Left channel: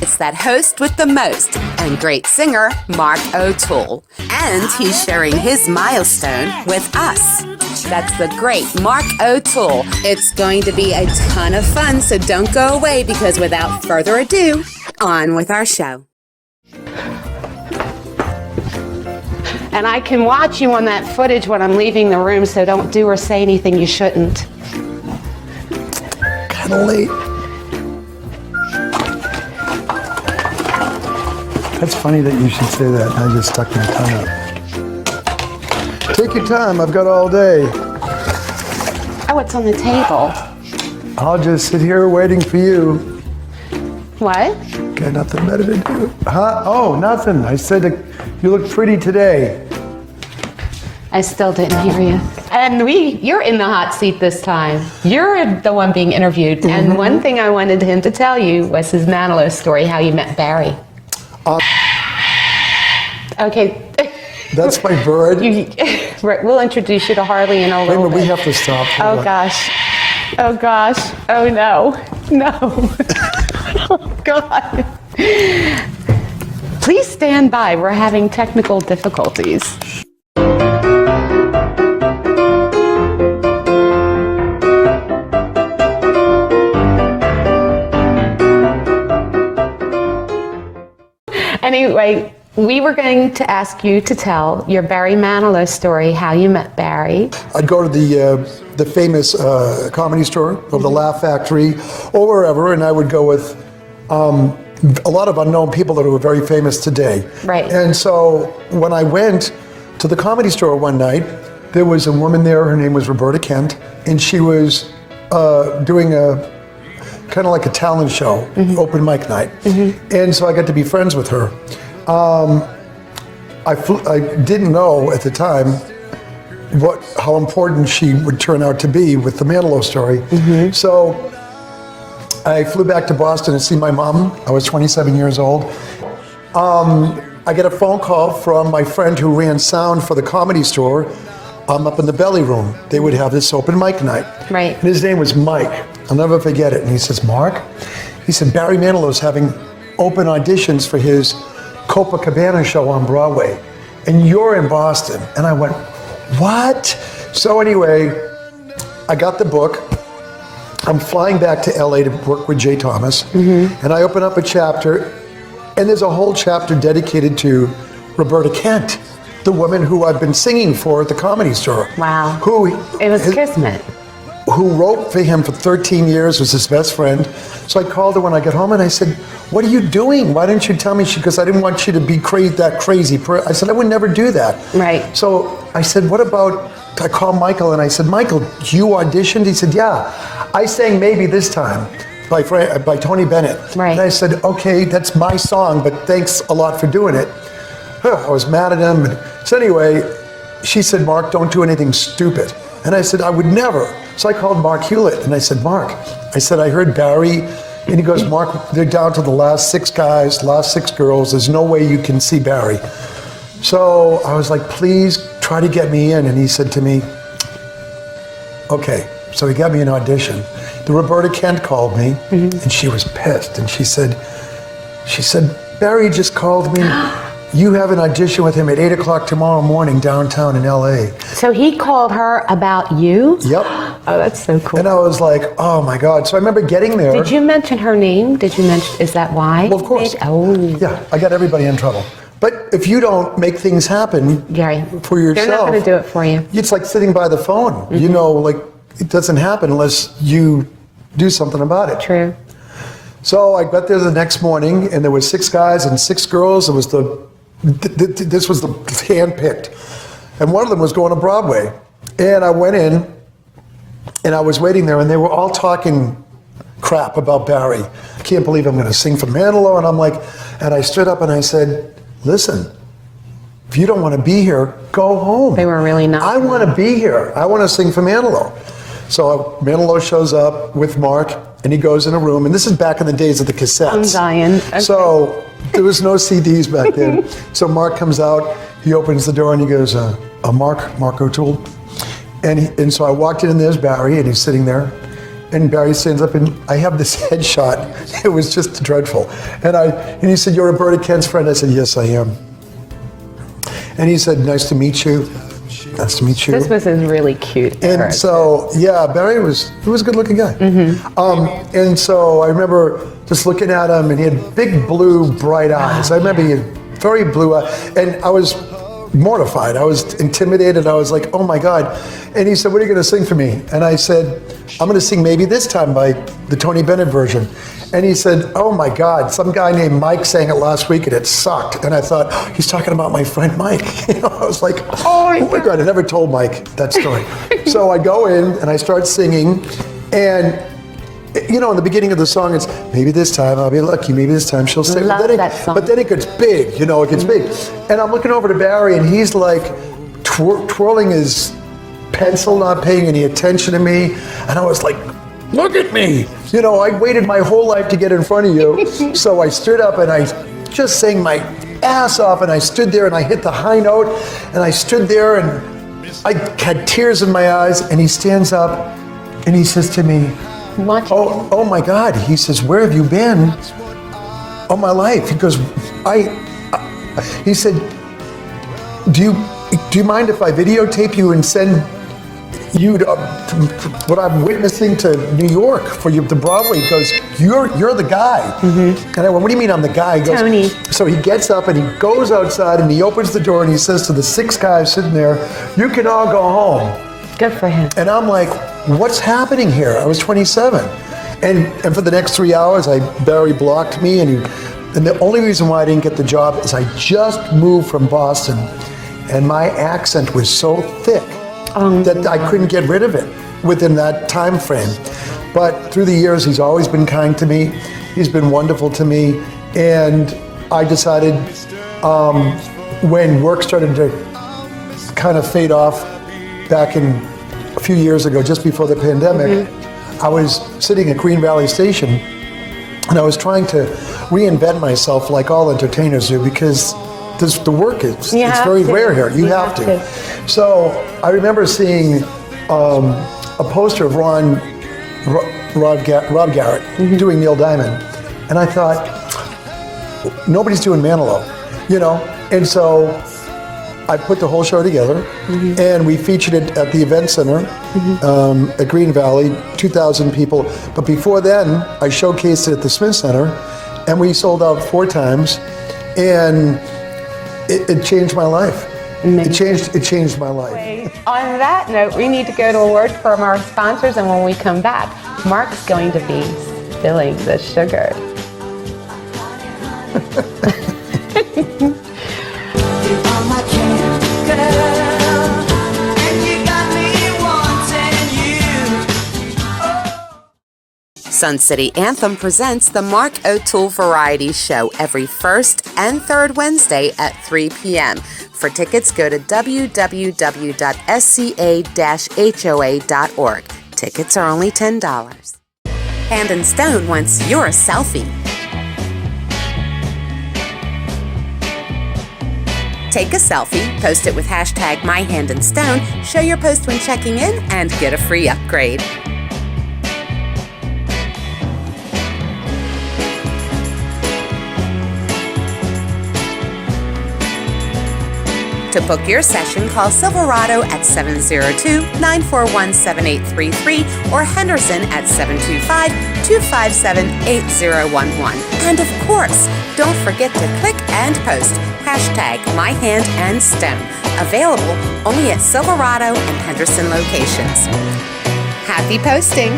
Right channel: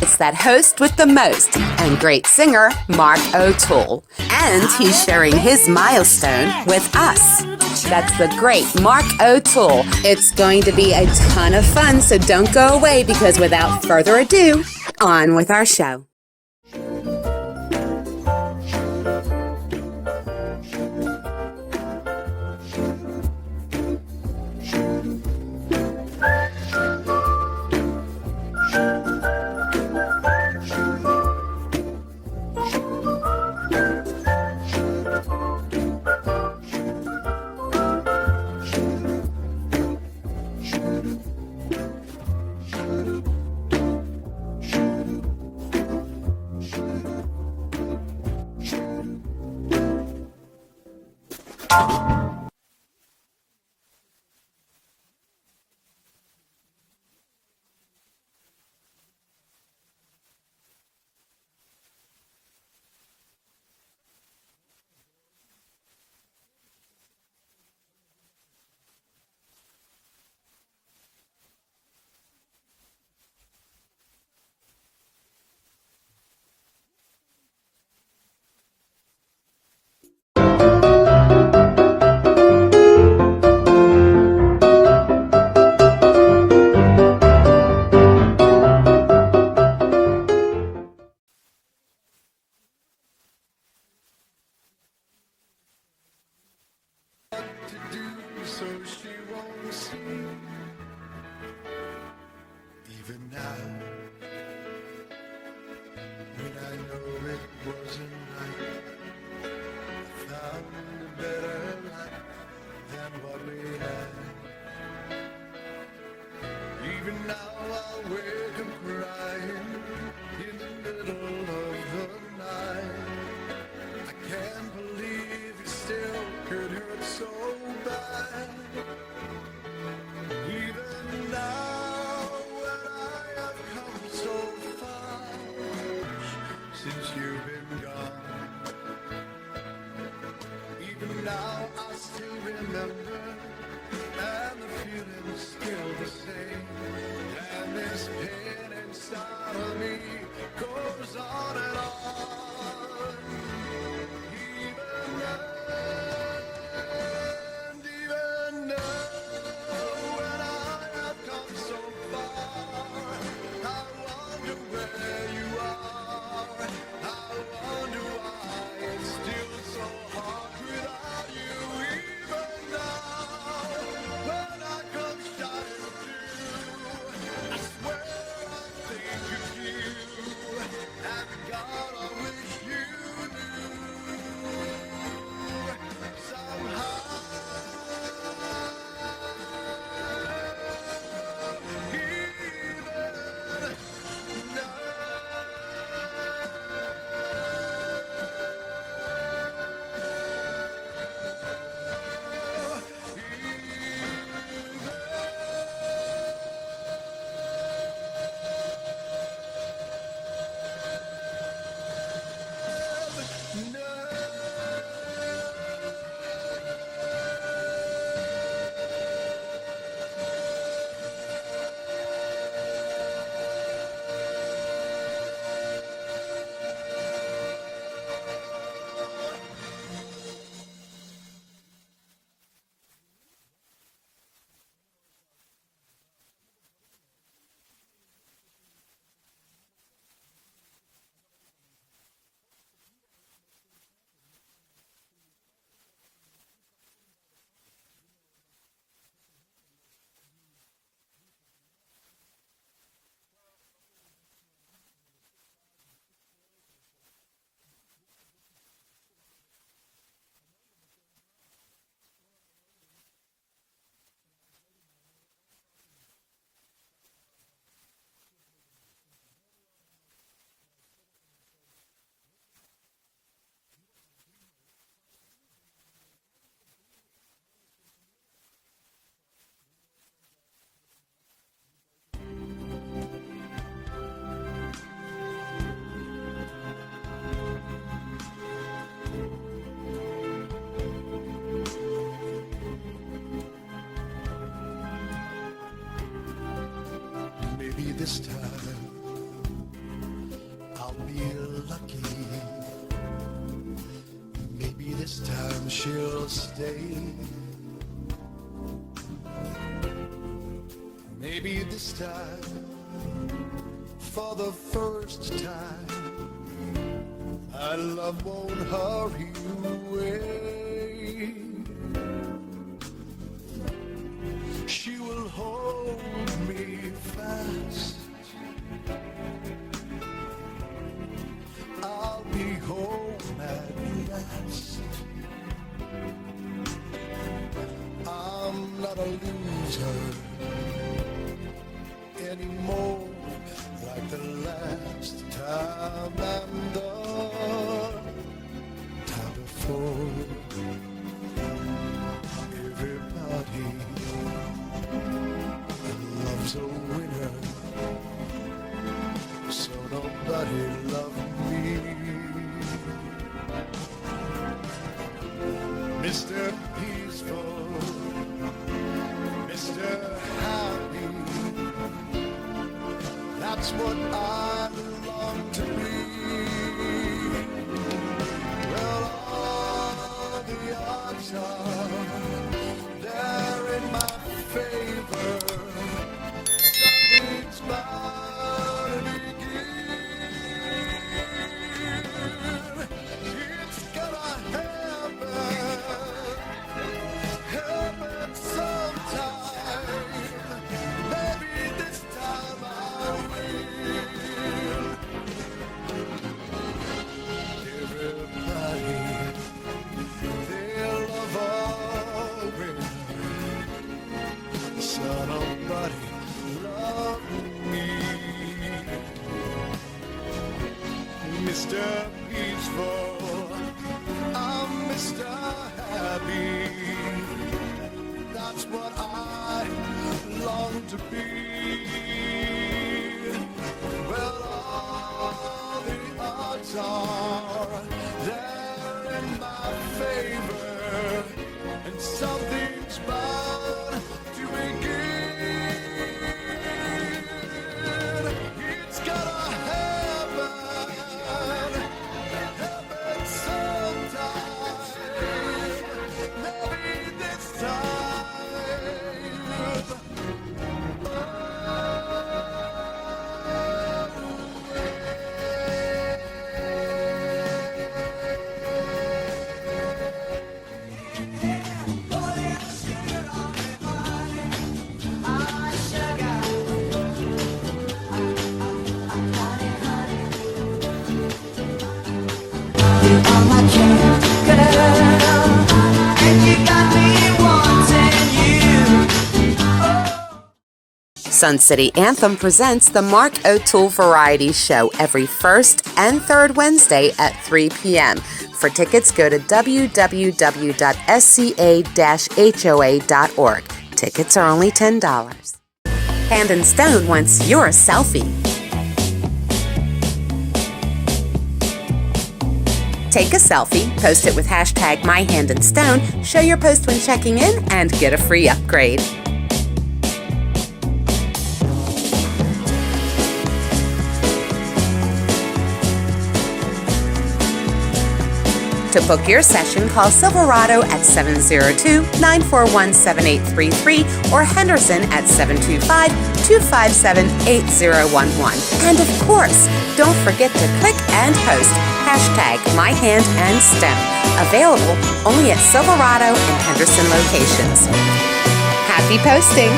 It's that host with the most and great singer, Mark Otoole. And he's sharing his milestone with us. That's the great Mark Otoole. It's going to be a ton of fun, so don't go away because without further ado, on with our show. And I can watch you on that footage when I'm leaving the room, so don't do or say anything you shouldn't. Kind of late. That's funny that you should say that. I just stuck my tongue out. Take your time, I've got all day. Oh, it's on the table. I'll just sit here waiting for you. What? Got nothing better to do. Huh? Oh, nothing. I said that you look pretty today. I still didn't hear you. And you're in the hot seat this time. You're the one being interviewed. Mm-hmm. And one thing I wanted him to tell you was his Manilow story, how you met Barry. Okay. That's my bird. We'll introduce you to Harley in a little bit. We have to stop. Oh gosh. Oh gosh. Oh no. No. Oh God. Please stand by. We're having technical difficulties. Anyway, we were going to ask you to tell your Barry Manilow story, how you met Barry. I'd go to the famous comedy store or the Laugh Factory or wherever, and I would go with a lot of unknown people that are very famous today. Right. And so when I went to the comedy store one night, there was a woman there, her name was Roberta Kent, and she was doing a kind of like a talent show, mm-hmm. open mic night. Mm-hmm. And so I got to be friends with her. I didn't know at the time how important she would turn out to be with the Manilow story. Mm-hmm. So I flew back to Boston to see my mom. I was 27 years old. I get a phone call from my friend who ran sound for the comedy store. I'm up in the belly room. They would have this open mic night. Right. And his name was Mike. I'll never forget it. And he says, Mark, he said, Barry Manilow's having open auditions for his Copacabana show on Broadway. And you're in Boston. And I went, what? So anyway, I got the book. I'm flying back to LA to work with Jay Thomas. Mm-hmm. And I open up a chapter, and there's a whole chapter dedicated to Roberta Kent, the woman who I've been singing for at the Comedy Store. Wow. It was kismet. Who wrote for him for 13 years, was his best friend. So I called her when I got home and I said, what are you doing? Why didn't you tell me? She goes, I didn't want you to be that crazy. I said, I would never do that. Right. So I said, what about, I called Michael and I said, Michael, you auditioned? He said, yeah. I sang Maybe This Time by Tony Bennett. Right. And I said, okay, that's my song, but thanks a lot for doing it. I was mad at him. So anyway, she said, Mark, don't do anything stupid. And I said, I would never. So I called Mark Hewlett and I said, Mark, I said, I heard Barry. And he goes, Mark, they're down to the last 6 guys, last 6 girls. There's no way you can see Barry. So I was like, please try to get me in. And he said to me, okay. So he got me an audition. The Roberta Kent called me, mm-hmm. and she was pissed. And she said, Barry just called me. You have an audition with him at 8 o'clock tomorrow morning downtown in LA. So he called her about you? Yep. Oh, that's so cool. And I was like, oh my God. So I remember getting there. Did you mention her name? Is that why? Well, of course. Oh. Yeah, I got everybody in trouble. But if you don't make things happen for yourself. They're not going to do it for you. It's like sitting by the phone. Mm-hmm. You know, like it doesn't happen unless you do something about it. True. So I got there the next morning and there were 6 guys and 6 girls. It was this was the hand-picked. And one of them was going to Broadway. And I went in and I was waiting there and they were all talking crap about Barry. I can't believe I'm going to sing for Manilow. And I'm like, and I stood up and I said, listen, if you don't want to be here, go home. They were really not. I want to be here. I want to sing for Manilow. So Manilow shows up with Mark and he goes in a room, and this is back in the days of the cassettes. I'm dying. Okay. So there was no CDs back then. So Mark comes out, he opens the door and he goes, Mark Otoole. And so I walked in and there's Barry and he's sitting there. And Barry stands up, and I have this headshot. It was just dreadful. And he said, "You're Roberta Kent's friend?" I said, "Yes, I am." And he said, "Nice to meet you." Nice to meet you. This was a really cute And so, yeah, Barry was a good-looking guy. And so I remember just looking at him, and he had big blue, bright eyes. I remember he had very blue eyes, and I was mortified. I was intimidated. I was like, oh my God. And he said, "What are you going to sing for me?" And I said, "I'm going to sing Maybe This Time" by the Tony Bennett version. And he said, "Oh my God, some guy named Mike sang it last week and it sucked." And I thought, oh, he's talking about my friend Mike. I was like, oh my God, I never told Mike that story. So I go in and I start singing, and in the beginning of the song, it's "Maybe this time I'll be lucky, maybe this time she'll stay." Love that song. But then it gets big, it gets big. And I'm looking over to Barry, and he's like twirling his pencil, not paying any attention to me. And I was like, look at me. I waited my whole life to get in front of you. So I stood up and I just sang my ass off, and I stood there and I hit the high note, and I stood there and I had tears in my eyes, and he stands up and he says to me, oh my God. He says, "Where have you been all my life?" He goes, he said, do you mind if I videotape you and send you what I'm witnessing to New York for the Broadway? He goes, you're the guy. And I went, "What do you mean I'm the guy?" He goes, Tony. So he gets up and he goes outside and he opens the door and he says to the 6 guys sitting there, "You can all go home." Good for him. And I'm like, what's happening here? I was 27. And for the next 3 hours, Barry blocked me, and the only reason why I didn't get the job is I just moved from Boston, and my accent was so thick that I couldn't get rid of it within that time frame. But through the years, he's always been kind to me. He's been wonderful to me. And I decided when work started to kind of fade off back in a few years ago, just before the pandemic, I was sitting at Green Valley Station, and I was trying to reinvent myself like all entertainers do, because the work is it's very rare here. You have to. So I remember seeing a poster of Rob Garrett doing Neil Diamond, and I thought, nobody's doing Manilow, And so I put the whole show together, and we featured it at the Event Center at Green Valley, 2,000 people. But before then, I showcased it at the Smith Center, and we sold out 4 times, and it changed my life. It changed my life. On that note, we need to go to a word from our sponsors, and when we come back, Mark's going to be spilling the sugar. You are my cat girl, and you got me wanting you. Sun City Anthem presents the Mark Otoole Variety Show every first and third Wednesday at 3 p.m. For tickets, go to www.sca-hoa.org. Tickets are only $10. Hand and Stone wants your selfie. Take a selfie, post it with hashtag #MyHandandStone, show your post when checking in, and get a free upgrade. To book your session, call Silverado at 702-941-7833 or Henderson at 725-257-8011. And of course, don't forget to click and post hashtag #MyHandandStone. Available only at Silverado and Henderson locations. Happy posting!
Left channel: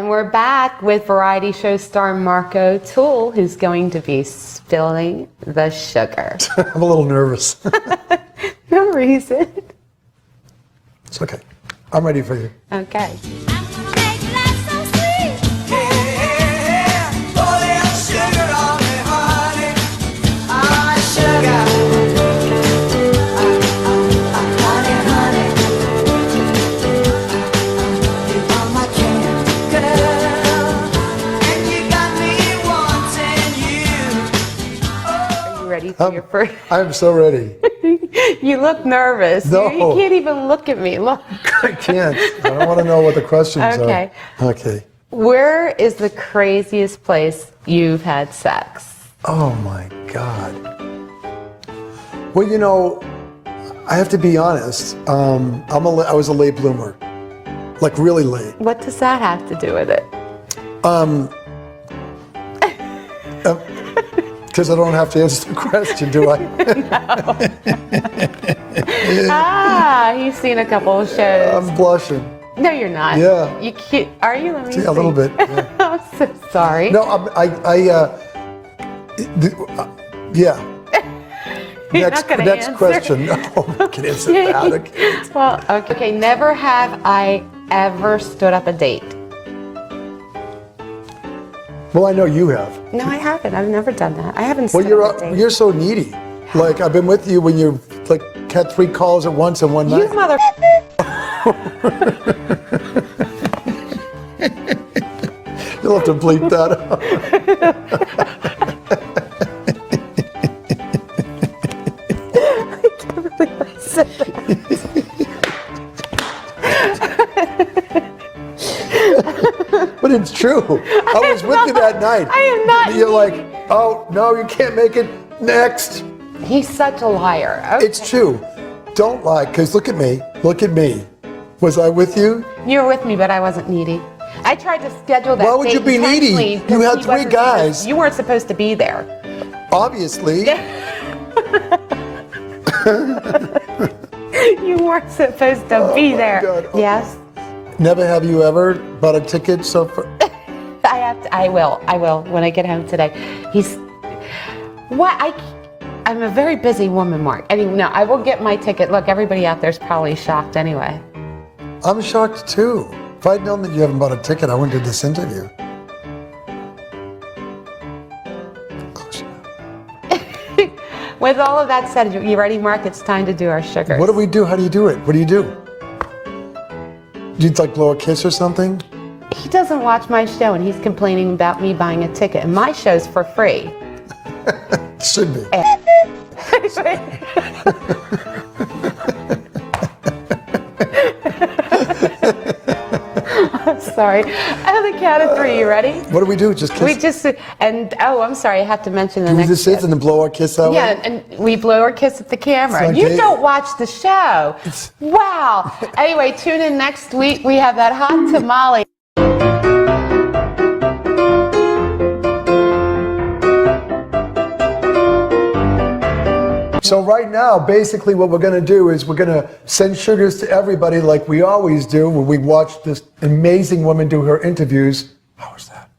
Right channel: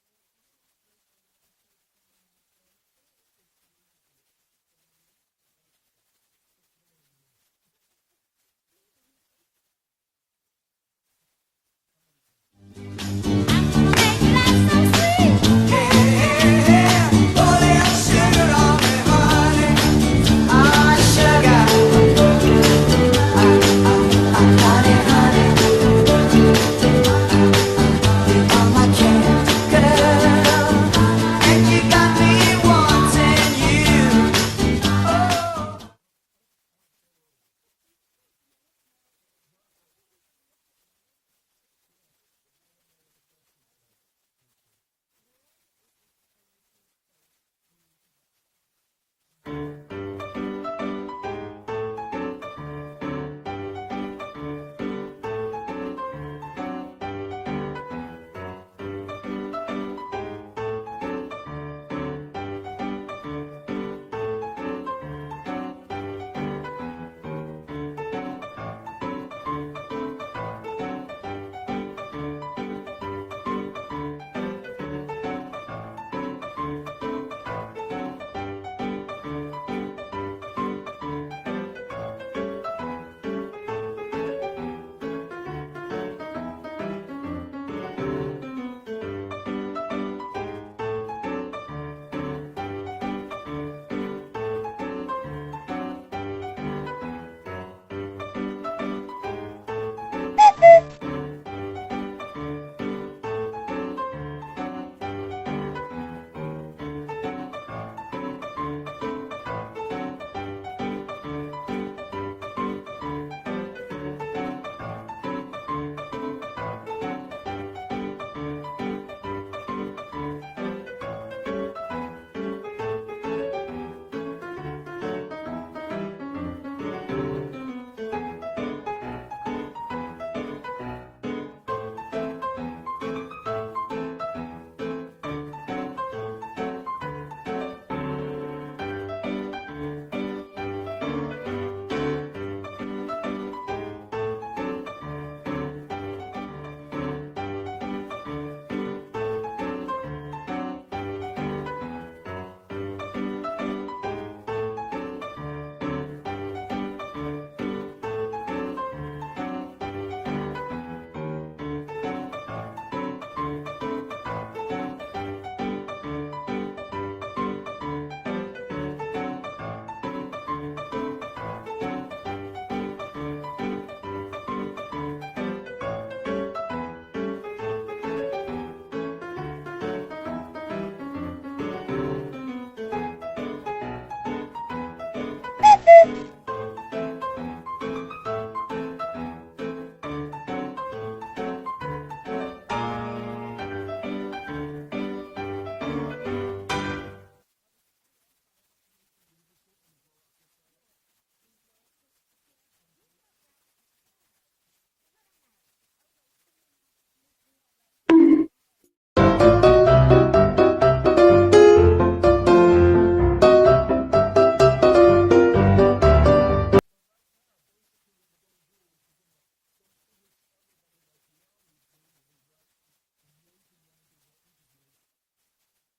We're back with variety show star Mark Otoole, who's going to be spilling the sugar. I'm a little nervous. No reason. It's okay. I'm ready for you. Okay. Pour a little sugar on me, honey. Ah, sugar. I'm so ready. You look nervous. No. You can't even look at me. Look. I can't. I don't want to know what the questions Okay. are. Okay. Where is the craziest place you've had sex? Oh my God. Well, you know, I have to be honest. I was a late bloomer, like really late. What does that have to do with it? Because I don't have to answer the question, do I? You've seen a couple of shows. I'm blushing. No, you're not. Yeah. You can't. Are you? Let me see. A little bit. Yeah. I'm so sorry. No, yeah. You're not gonna Next answer. question. No, I can answer that. Okay. Well, okay. Never have I ever stood up a date. Well, I know you have. No, I haven't. I've never done that. I haven't Well, stood up a date. you're so needy. Like I've been with you when you like had 3 calls at once in one You night. mother. You'll have to bleep that out. But it's true. I was with you that night. I am not. You're like, oh, no, you can't make it. Next. He's such a liar. Okay. It's true. Don't lie, because look at me. Look at me. Was I with you? You were with me, but I wasn't needy. I tried to schedule that. Why would you date be needy? intentionally You because had he 3 wasn't guys. supposed- You weren't supposed to be there. Obviously. You weren't supposed to be there. God. Yes. Never have you ever bought a ticket so far? I will when I get home today. I'm a very busy woman, Mark. Anyway, no, I will get my ticket. Look, everybody out there's probably shocked anyway. I'm shocked too. If I'd known that you haven't bought a ticket, I wouldn't do this interview. With all of that said, you ready, Mark? It's time to do our sugars. What do we do? How do you do it? What do you do? You'd like blow a kiss or something? He doesn't watch my show, and he's complaining about me buying a ticket. And my show's for free. Should be. I'm sorry. On the count of 3, you ready? What do we do? Just kiss? I'm sorry, I have to mention the Do we next just sit and then blow our kiss that Yeah, way? and we blow or kiss at the camera. It's like You gay. don't watch the show. Wow. Anyway, tune in next week. We have that hot tamale. So right now, basically what we're going to do is we're going to send sugars to everybody like we always do when we watch this amazing woman do her interviews. How was that?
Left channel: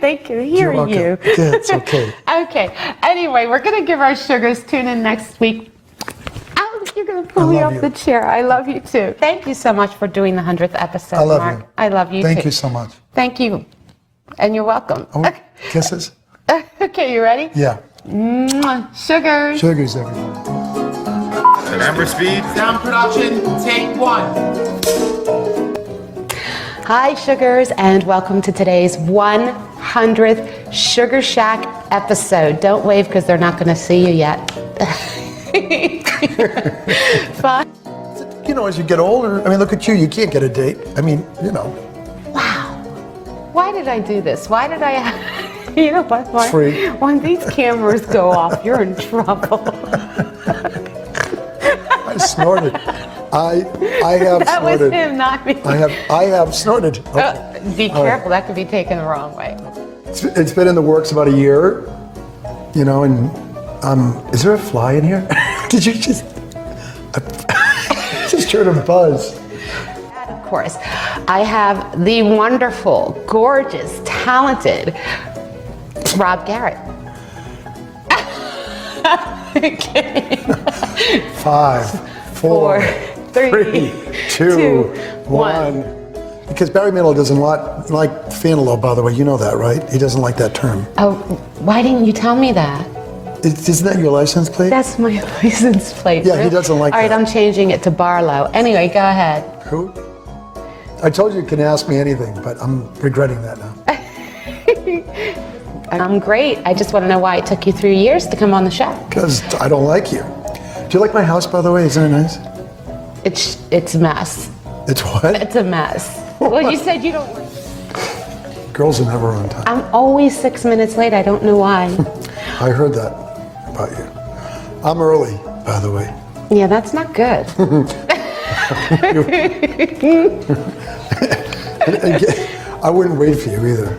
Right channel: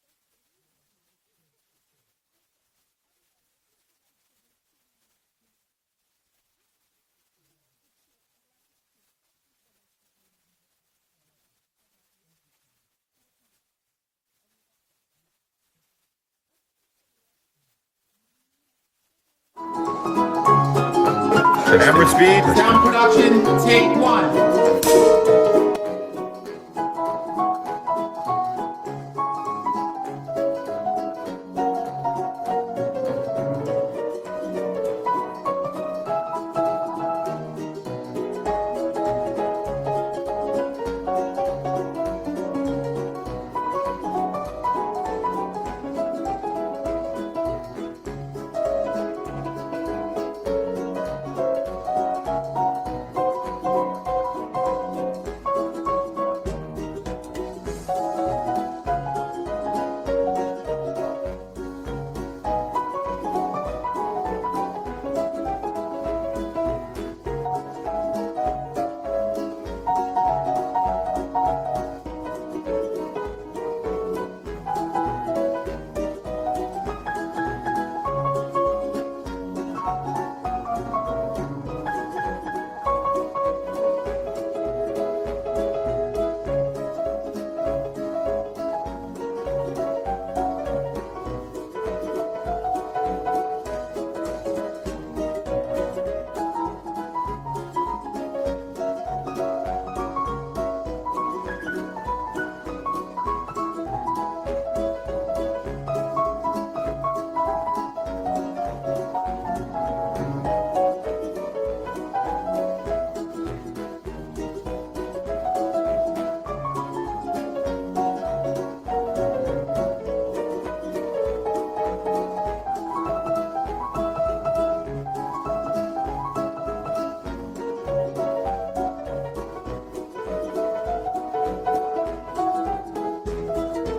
Thank you. Hearing welcome. you. Yeah, it's okay. Okay. Anyway, we're going to give our sugars. Tune in next week. Oh, you're going to pull I me love off you. the chair. I love you too. Thank you so much for doing the 100th episode, I love Mark. you. I love you Thank too. you so much. Thank you. And you're welcome. Oh, kisses? Okay, you ready? Yeah. Mwah. Sugars. Sugars, everything. Camera speed. Sound production, take 1. Hi, sugars, and welcome to today's 100th Sugar Shack episode. Don't wave because they're not going to see you yet. Fun. You know, as you get older, I mean, look at you. You can't get a date. I mean, you know. Wow. Why did I do this? Why did I... You know what, Mark? Free. When these cameras go off, you're in trouble. I snorted. I have That was snorted. him, not me. I have snorted. Be careful, that could be taken the wrong way. It's been in the works about a year, you know, and is there a fly in here? Did you just just heard a buzz? Of course, I have the wonderful, gorgeous, talented Rob Garrett. Okay. 5, 4, 3, 2, 1. Because Barry Manilow doesn't like Fanilow, by the way. You know that, right? He doesn't like that term. Oh, why didn't you tell me that? Isn't that your license plate? That's my license plate. Yeah, he doesn't like All right, that. I'm changing it to Barlow. Anyway, go ahead. Who? I told you you can ask me anything, but I'm regretting that now. I'm great. I just want to know why it took you 3 years to come on the show. Because I don't like you. Do you like my house, by the way? Isn't it nice? It's a mess. It's what? It's a mess. Well, you said you don't. Girls are never on time. I'm always 6 minutes late. I don't know why. I heard that about you. I'm early, by the way. Yeah, that's not good. I wouldn't wait for you either.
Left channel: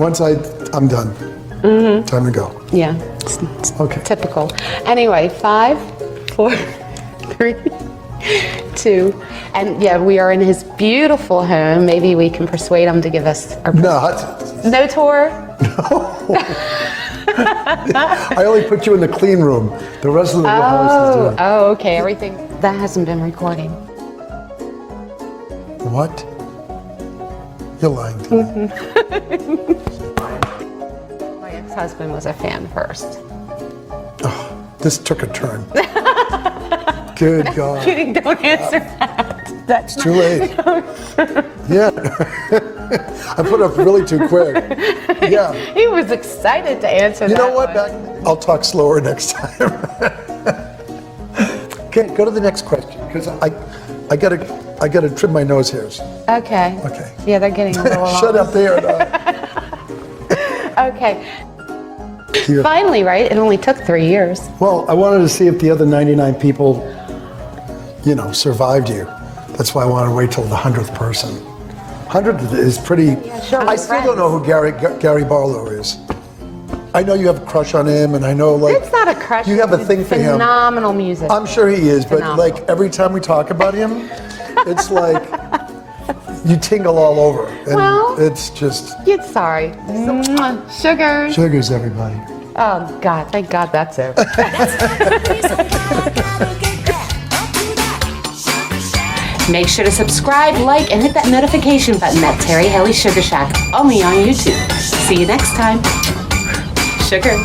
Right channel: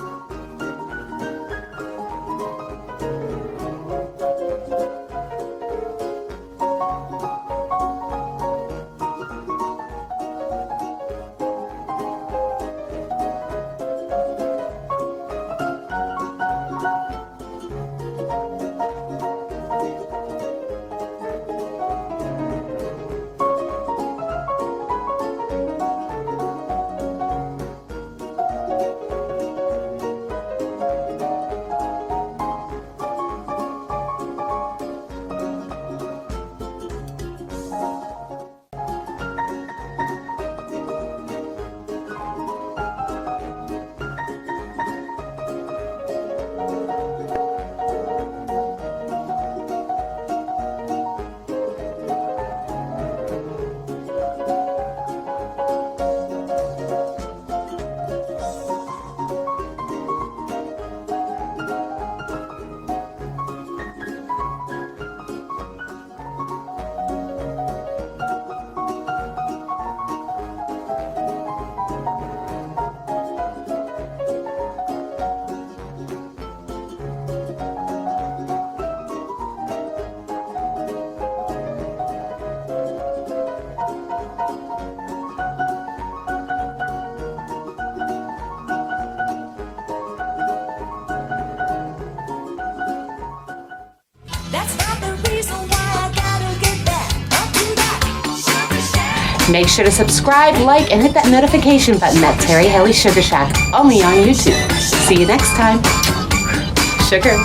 Once I'm done. Time to go. Yeah, it's Okay. typical. Anyway, 5, 4, 3, 2, and yeah, we are in his beautiful home. Maybe we can persuade him to give us our no tour. I only put you in the clean room. The rest of the house is doing. Oh, okay. Everything that hasn't been recording. What? You're lying to me. My ex-husband was a fan first. This took a turn. Good God. Kidding, don't answer that. That's It's too late. Yeah. I put up really too quick. Yeah. He was excited to answer that. You know what? one. I'll talk slower next time. Okay, go to the next question because I gotta trim my nose hairs. Okay. Okay. Yeah, they're getting a little long. Shut up there. Okay. Yeah. Finally, right? It only took 3 years. Well, I wanted to see if the other 99 people, survived you. That's why I wanted to wait till the 100th person. 100 is pretty. sure, I we're still don't know who Gary Barlow is. I know you have a crush on him, and I know It's not a crush. You have a thing for him. Phenomenal music. I'm sure he is, but Phenomenal. like every time we talk about him, it's like you tingle all over, and Well- it's just Get sorry. Sugars. sugars, everybody. Oh, God. Thank God that's over. Make sure to subscribe, like, and hit that notification button at Terri Haley Sugar Shack, only on YouTube. See you next time. Sugar.